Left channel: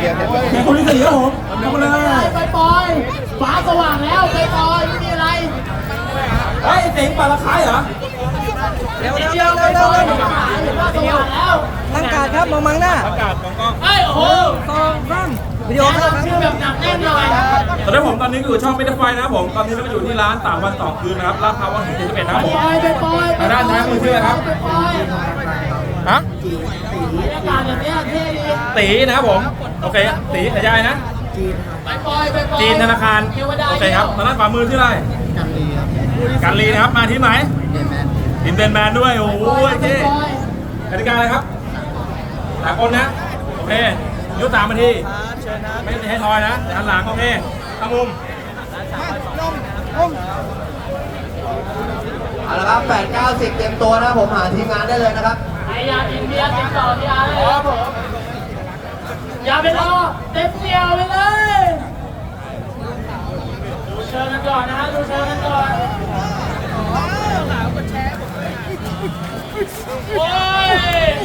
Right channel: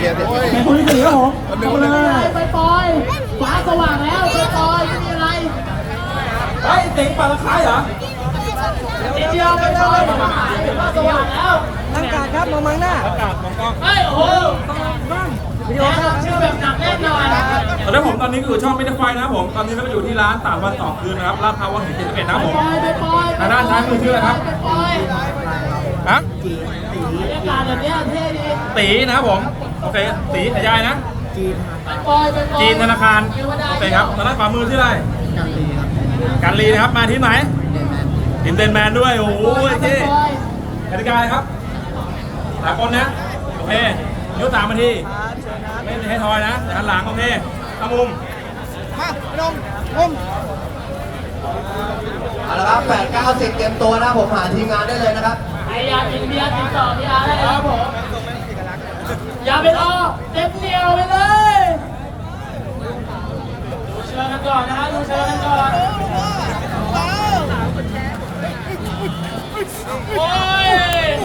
เคโอเคในคนที่สี่ครับผมขอบคุณนะไปปล่อยฟ้าสว่างแล้วไปปล่อยไม่มีอะไรเฮ้ยเต็งปลาละคายเหรอนิดเดียวไปปล่อยฟ้าสว่างแล้วตั้งการครับมองมังหน้าประกาศของกล้องเฮ้ยโอ้โหวิดีโอแนะครับนำชื่อแบบหนักแน่นหน่อยตอนนี้ผมตอนนี้อยู่ช่องมิเตอร์ไฟนะครับผม ตอนนี้เราไปอยู่ที่ร้านสามวันสองคืนนะครับลาดพร้าววังหินเจ็ดสิบเอ็ดนะครับผมไปปล่อยทางด้านซ้ายมือชื่ออะไรครับไปปล่อย ฮะบรรยากาศแบบเนี้ยเท่ดีตีนะครับผม โอเคตีขยายนะไปปล่อยไปปล่อยจีนธนาคาร โอเคครับทางด้านขวามือที่ออะไรกันดีครับการลีนะครับ มาที่ไหนเด่นแมนทีมเดนแมนด้วย โอ้ยไปเจ๊ปล่อยกติกาอะไรครับหลายคนนะ โอเคยกสามนาที ไม่ให้ทอยนะเดี๋ยวหันหลังโอเคทำมุมเอาละครับแปดเก้าสิบเต็มตัวนะผมหาทีมงานได้เลยนะครับใครอ ยากินเบียร์ติดต่อที่ร้านได้เลยครับผมอย่าไปรอเต็มเดียไปเลย ดูเชิญกันก่อนนะฮะดูเชิญกันก่อนโอ้ย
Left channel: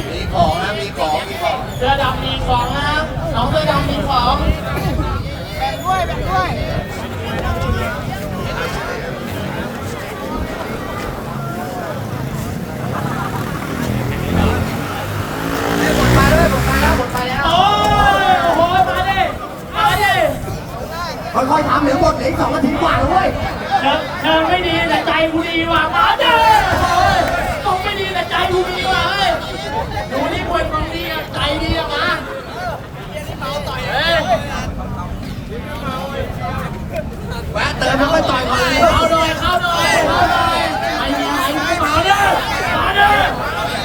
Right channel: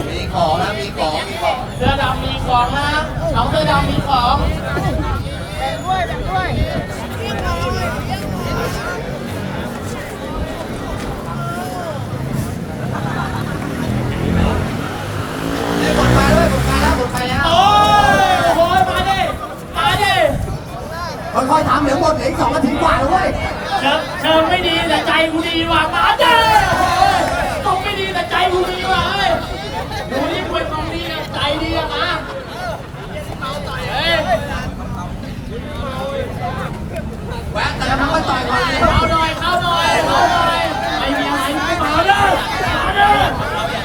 มีของนะมีของมีของเสื้อดำมีของนะน้องเสื้อดำมีของ มาเลยผมมาแล้วผมมาแล้ว โอ้ยโอ้โหมาดิมาดิ ค่อยๆทำเดี๋ยวหมดเหลืออีกสองนาทีกว่าเลยเชิญเชิญไม่ดีแต่ใจกูดีว่ะมาดิต้องไม่ดีแต่ใจกูดีว่ะเฮ้ยดูนี่มวยกองดีอะใจดีอะมาเฮ้ยแวะเติมแล้วก็ต่อยก่อนเลยเข้าหน่อยเข้าหน่อยเข้าหน่อยไม่มีอะไรไม่มาดิมาดิ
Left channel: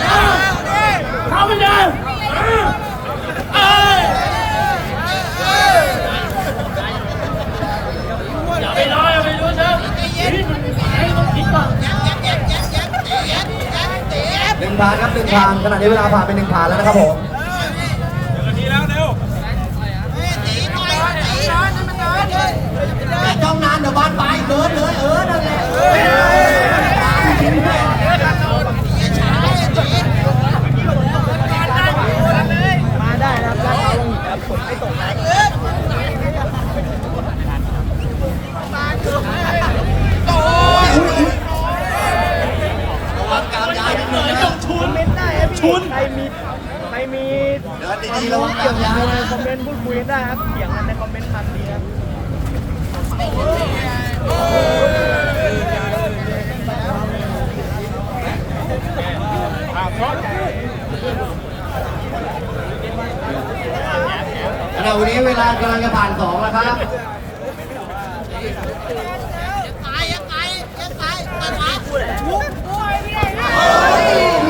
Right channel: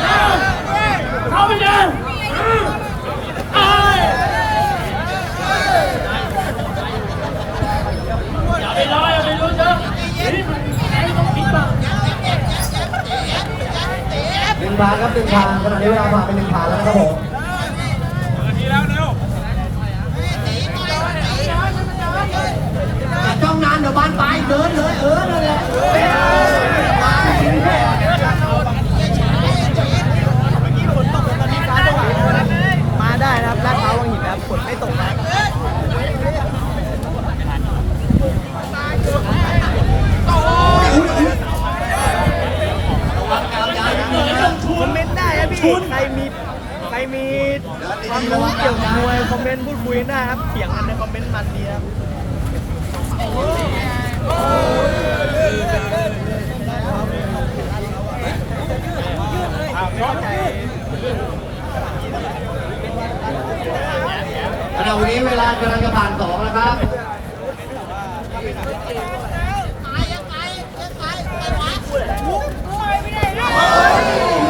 เร็วเข้าไปดิเอ้ยอย่า ไปรออย่าไปรู้เชิญนี่มันไอ้ต้อหนึ่งผ่านครับหนึ่งผ่านขณะนี้เวลาผ่านไปหนึ่งผ่านแล้วนะครับผม นาทีแล้วเร็ว อย่าจ้องนานเดี๋ยวบานปลายเดินเลยเออนั่นแหละเออ มาได้นะครับแล้วระวังหินครับกดไม่ตกนะ คอมเมนต์ได้ครับพี่ใครมีใครมีความรู้เกี่ยวกับมวยคอมเมนต์พูดคุยได้ครับเถียงกันในคอมเมนต์มันดีครับเดี๋ยววันนี้เวลากำลังจะผ่านสองแล้วครับ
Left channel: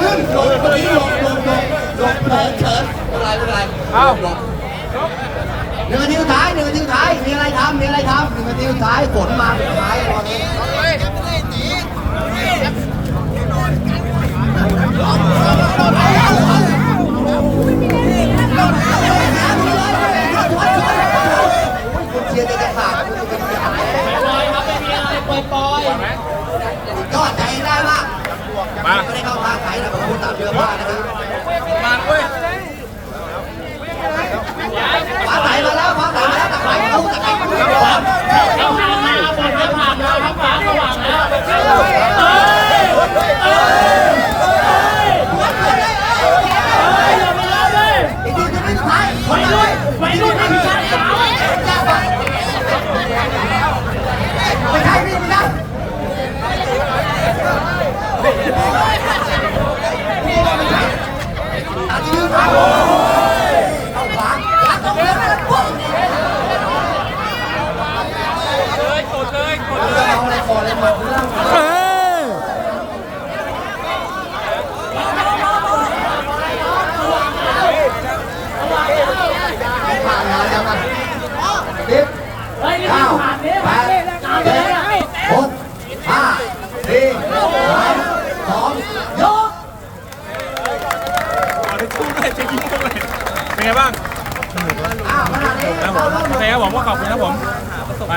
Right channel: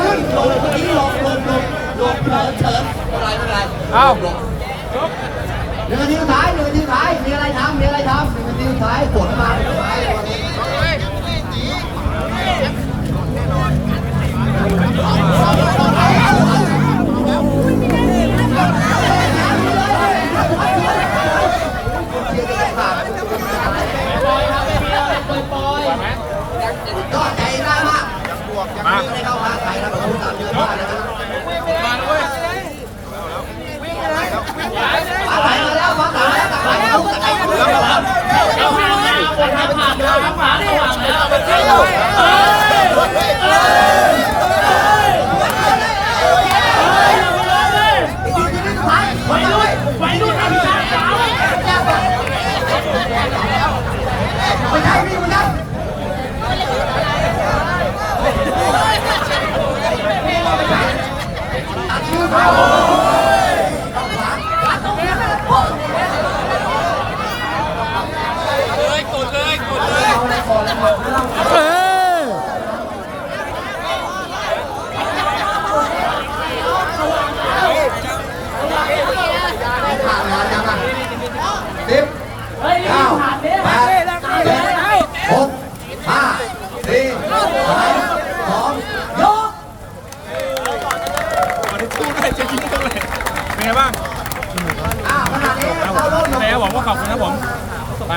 ขึ้นลงเมื่อกี้ลงลงลงลงเฉินเฉินไม่เป็นไรไม่เป็นไรอ้าวลงหนึ่งนาทีสุดท้ายหนึ่งนาทีสุดท้ายมีอะไรทำมีอะไรทำหนึ่งนาทีสุดท้าย ฝนมาสุดท้ายวันนี้เชียร์กันขาดปล่อยครับไม่มีอะไรปล่อยปล่อยไหวไหมยอดใจได้มากมาไม่ได้เข้าข้างใครนะผมพูดตามเนื้อผ้านะฮะมาด้วย ฟ้าใสมาแล้วฟ้าใสมาแล้วตะไคร้กูตะไคร้กูครับ ให้ผ่านมาฝนให้ผ่านมาครับฟ้าสว่างแล้วเอ้ยเอ้ยอย่าไปรอเลย อีกทีนึงสุดท้าย ไปด้วยไปด้วยไปด้วย ไม่ใช่พี่ไม่ใช่ตัดชื่อเขาขวางขวางตรงนี้เอาอะไรก่อนเลยมา เออ ผ่านแล้วยังไงสิบ เฮ้ยนี่ เก้า ผ่านเนี่ย แปดเจ็ดหกห้าสี่สามสองยก เอาได้ชูด้วยจะยิงด้วยเป็นไงบ้างอ่าขนาดนี้ครับผเรามเริ่มโอเคครับผมก็ขอบคุณครับผมไป